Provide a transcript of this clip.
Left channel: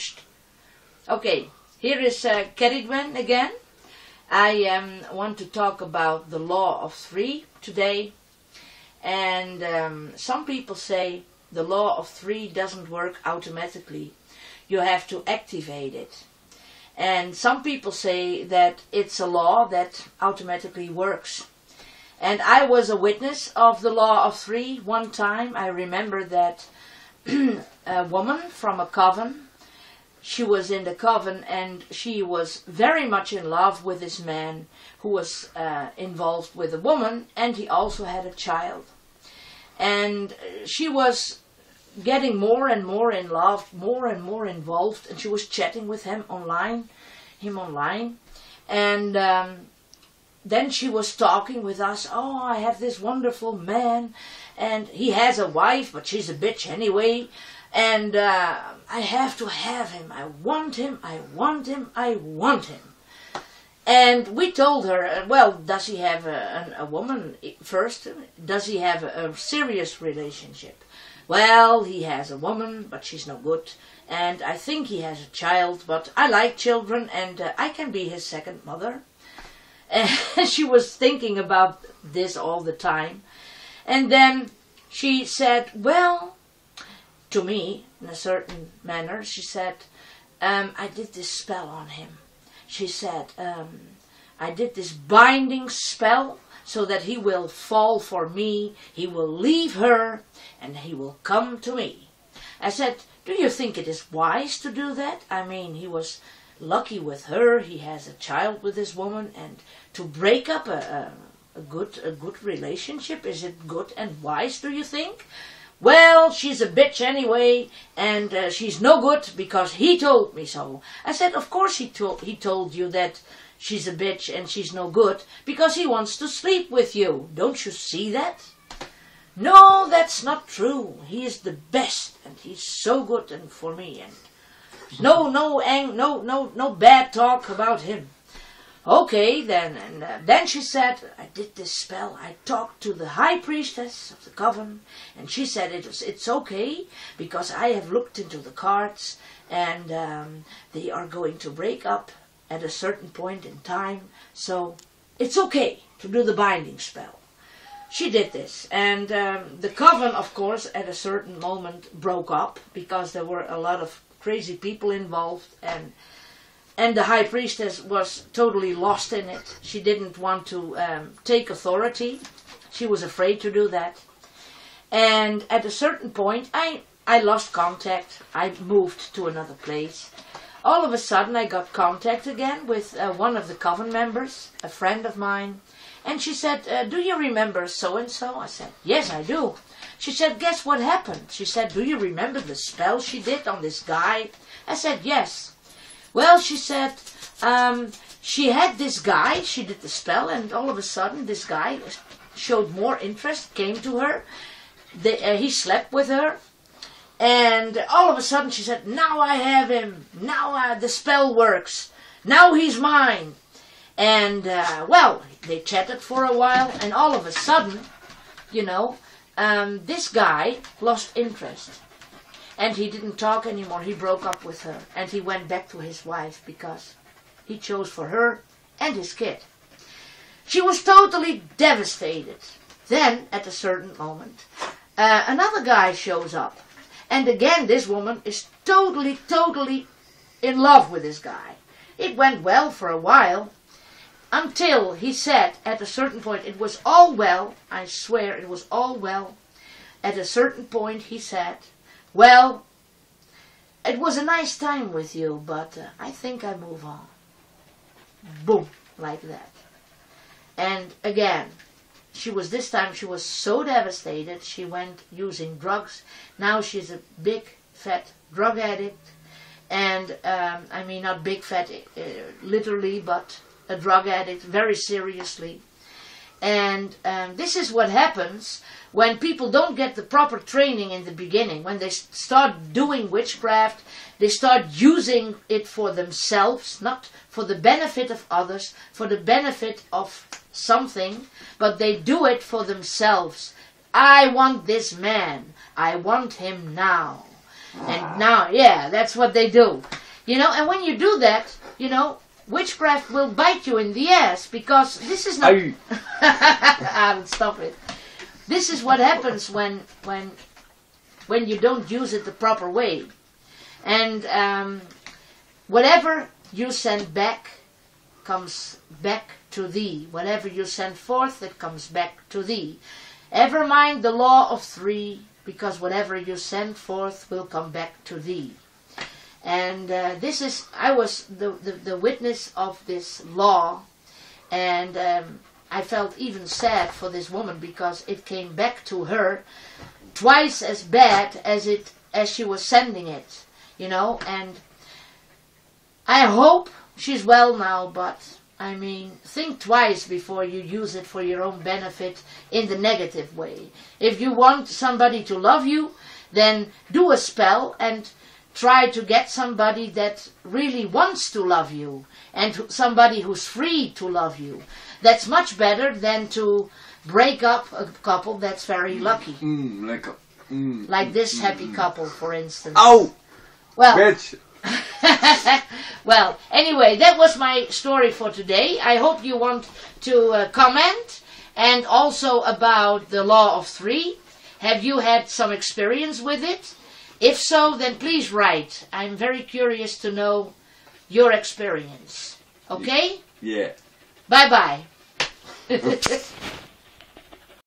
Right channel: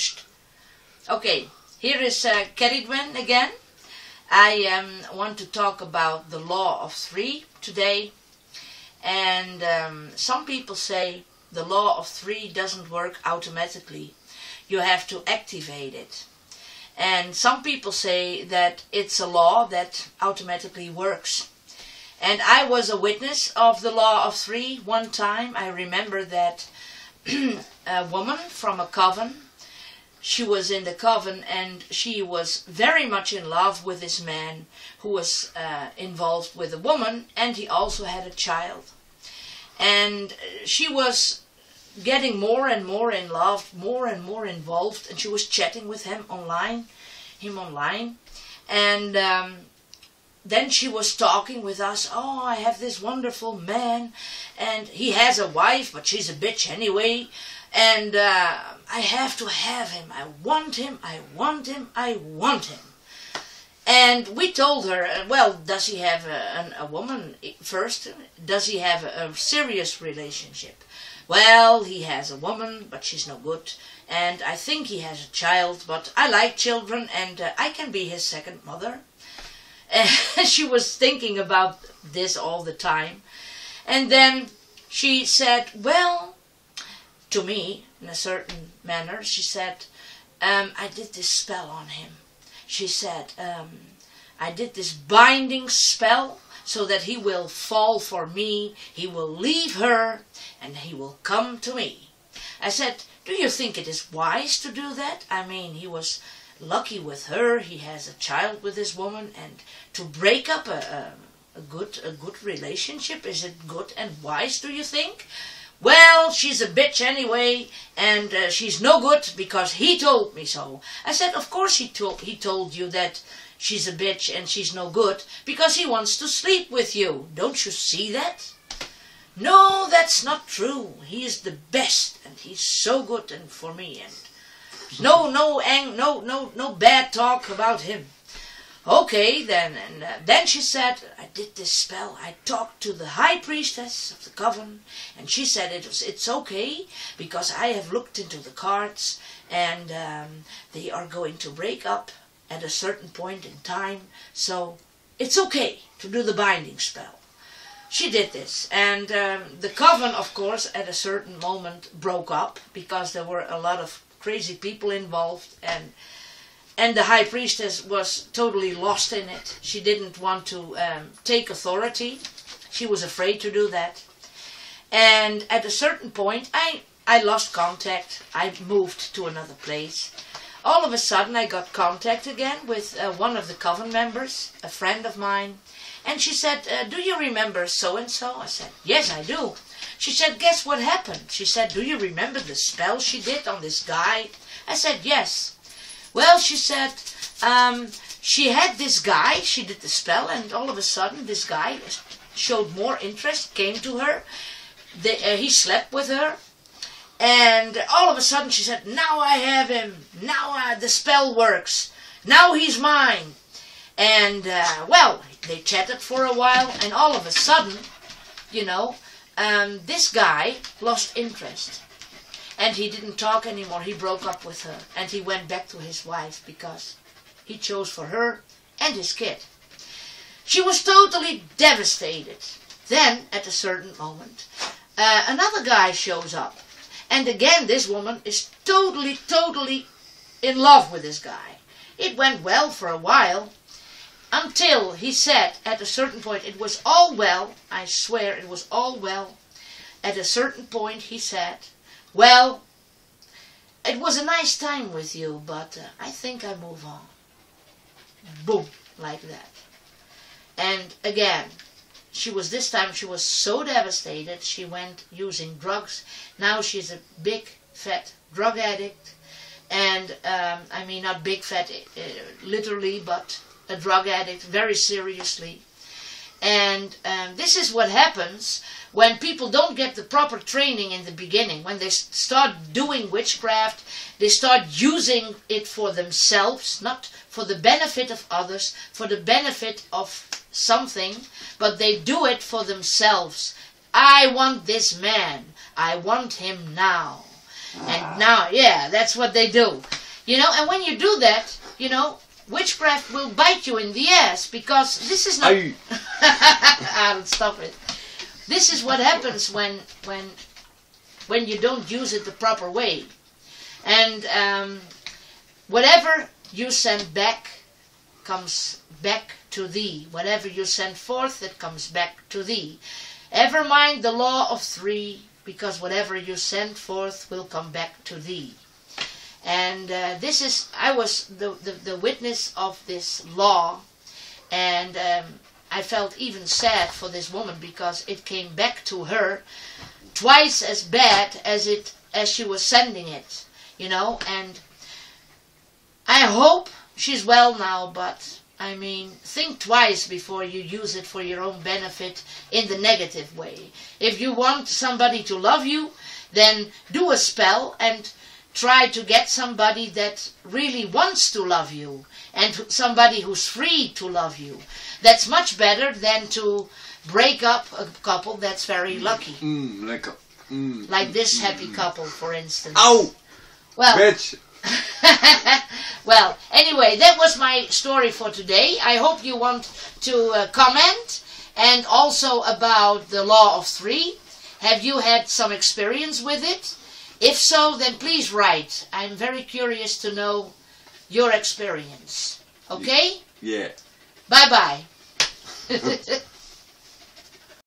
finished. Okay, here is Keridwen again. I want to talk about the law of three today. And some people say the law of three doesn't work automatically. You have to activate it. And some people say that it's a law that automatically works. And I was a witness of the law of three one time. I remember that a woman from a coven, she was in the coven and she was very much in love with this man who was involved with a woman, and he also had a child. And she was getting more and more in love, more and more involved, and she was chatting with him online. And then she was talking with us. Oh, I have this wonderful man, and he has a wife, but she's a bitch anyway. And I have to have him. I want him, I want him, I want him. And we told her, well, does he have a woman first? Does he have a serious relationship? Well, he has a woman, but she's no good. And I think he has a child, but I like children, and I can be his second mother. And she was thinking about this all the time. And then she said, well, to me, in a certain manner, she said, I did this spell on him. She said, I did this binding spell so that he will fall for me, he will leave her, and he will come to me. I said, do you think it is wise to do that? I mean, he was lucky with her, he has a child with this woman, and to break up a good relationship, is it good and wise, do you think? Well, she's a bitch anyway, and she's no good because he told me so. I said, of course he told you that she's a bitch and she's no good because he wants to sleep with you. Don't you see that? No, that's not true. He is the best, and he's so good and for me, and no bad talk about him. Okay, then, and then she said, I did this spell. I talked to the high priestess of the coven, and she said it's okay because I have looked into the cards, and they are going to break up at a certain point in time, so it's okay to do the binding spell. She did this, and the coven, of course, at a certain moment broke up because there were a lot of crazy people involved, and the high priestess was totally lost in it. She didn't want to take authority. She was afraid to do that. And at a certain point, I lost contact. I moved to another place. All of a sudden, I got contact again with one of the coven members, a friend of mine. And she said, do you remember so-and-so? I said, yes, I do. She said, guess what happened? She said, do you remember the spell she did on this guy? I said, yes. Well, she said, she had this guy, she did the spell, and all of a sudden this guy showed more interest, came to her, he slept with her, and all of a sudden she said, now I have him, now the spell works, now he's mine. And, well, they chatted for a while, and all of a sudden, you know, this guy lost interest. And he didn't talk anymore. He broke up with her. And he went back to his wife because he chose for her and his kid. She was totally devastated. Then, at a certain moment, another guy shows up. And again, this woman is totally in love with this guy. It went well for a while. Until he said, at a certain point, it was all well. I swear, it was all well. At a certain point, he said, well, it was a nice time with you, but I think I move on. Boom, like that. And again, this time she was so devastated, she went using drugs. Now she's a big, fat drug addict. And, I mean, not big, fat, literally, but a drug addict, very seriously. And this is what happens when people don't get the proper training in the beginning. When they start doing witchcraft, they start using it for themselves, not for the benefit of others, for the benefit of something, but they do it for themselves. I want this man. I want him now. And now, yeah, that's what they do. You know, and when you do that, you know, witchcraft will bite you in the ass, because this is not... I'll stop it. This is what happens when you don't use it the proper way. And whatever you send back comes back to thee. Whatever you send forth, it comes back to thee. Ever mind the law of three, because whatever you send forth will come back to thee. And I was the witness of this law, and I felt even sad for this woman, because it came back to her twice as bad as she was sending it, you know. And I hope she's well now, but I mean, think twice before you use it for your own benefit in the negative way. If you want somebody to love you, then do a spell and try to get somebody that really wants to love you, and somebody who's free to love you. That's much better than to break up a couple that's very lucky. Like this happy couple, for instance. Ow! Well, bitch! Well, anyway, that was my story for today. I hope you want to comment, and also about the law of three. Have you had some experience with it? If so, then please write. I'm very curious to know your experience. Okay? Yeah. Bye-bye.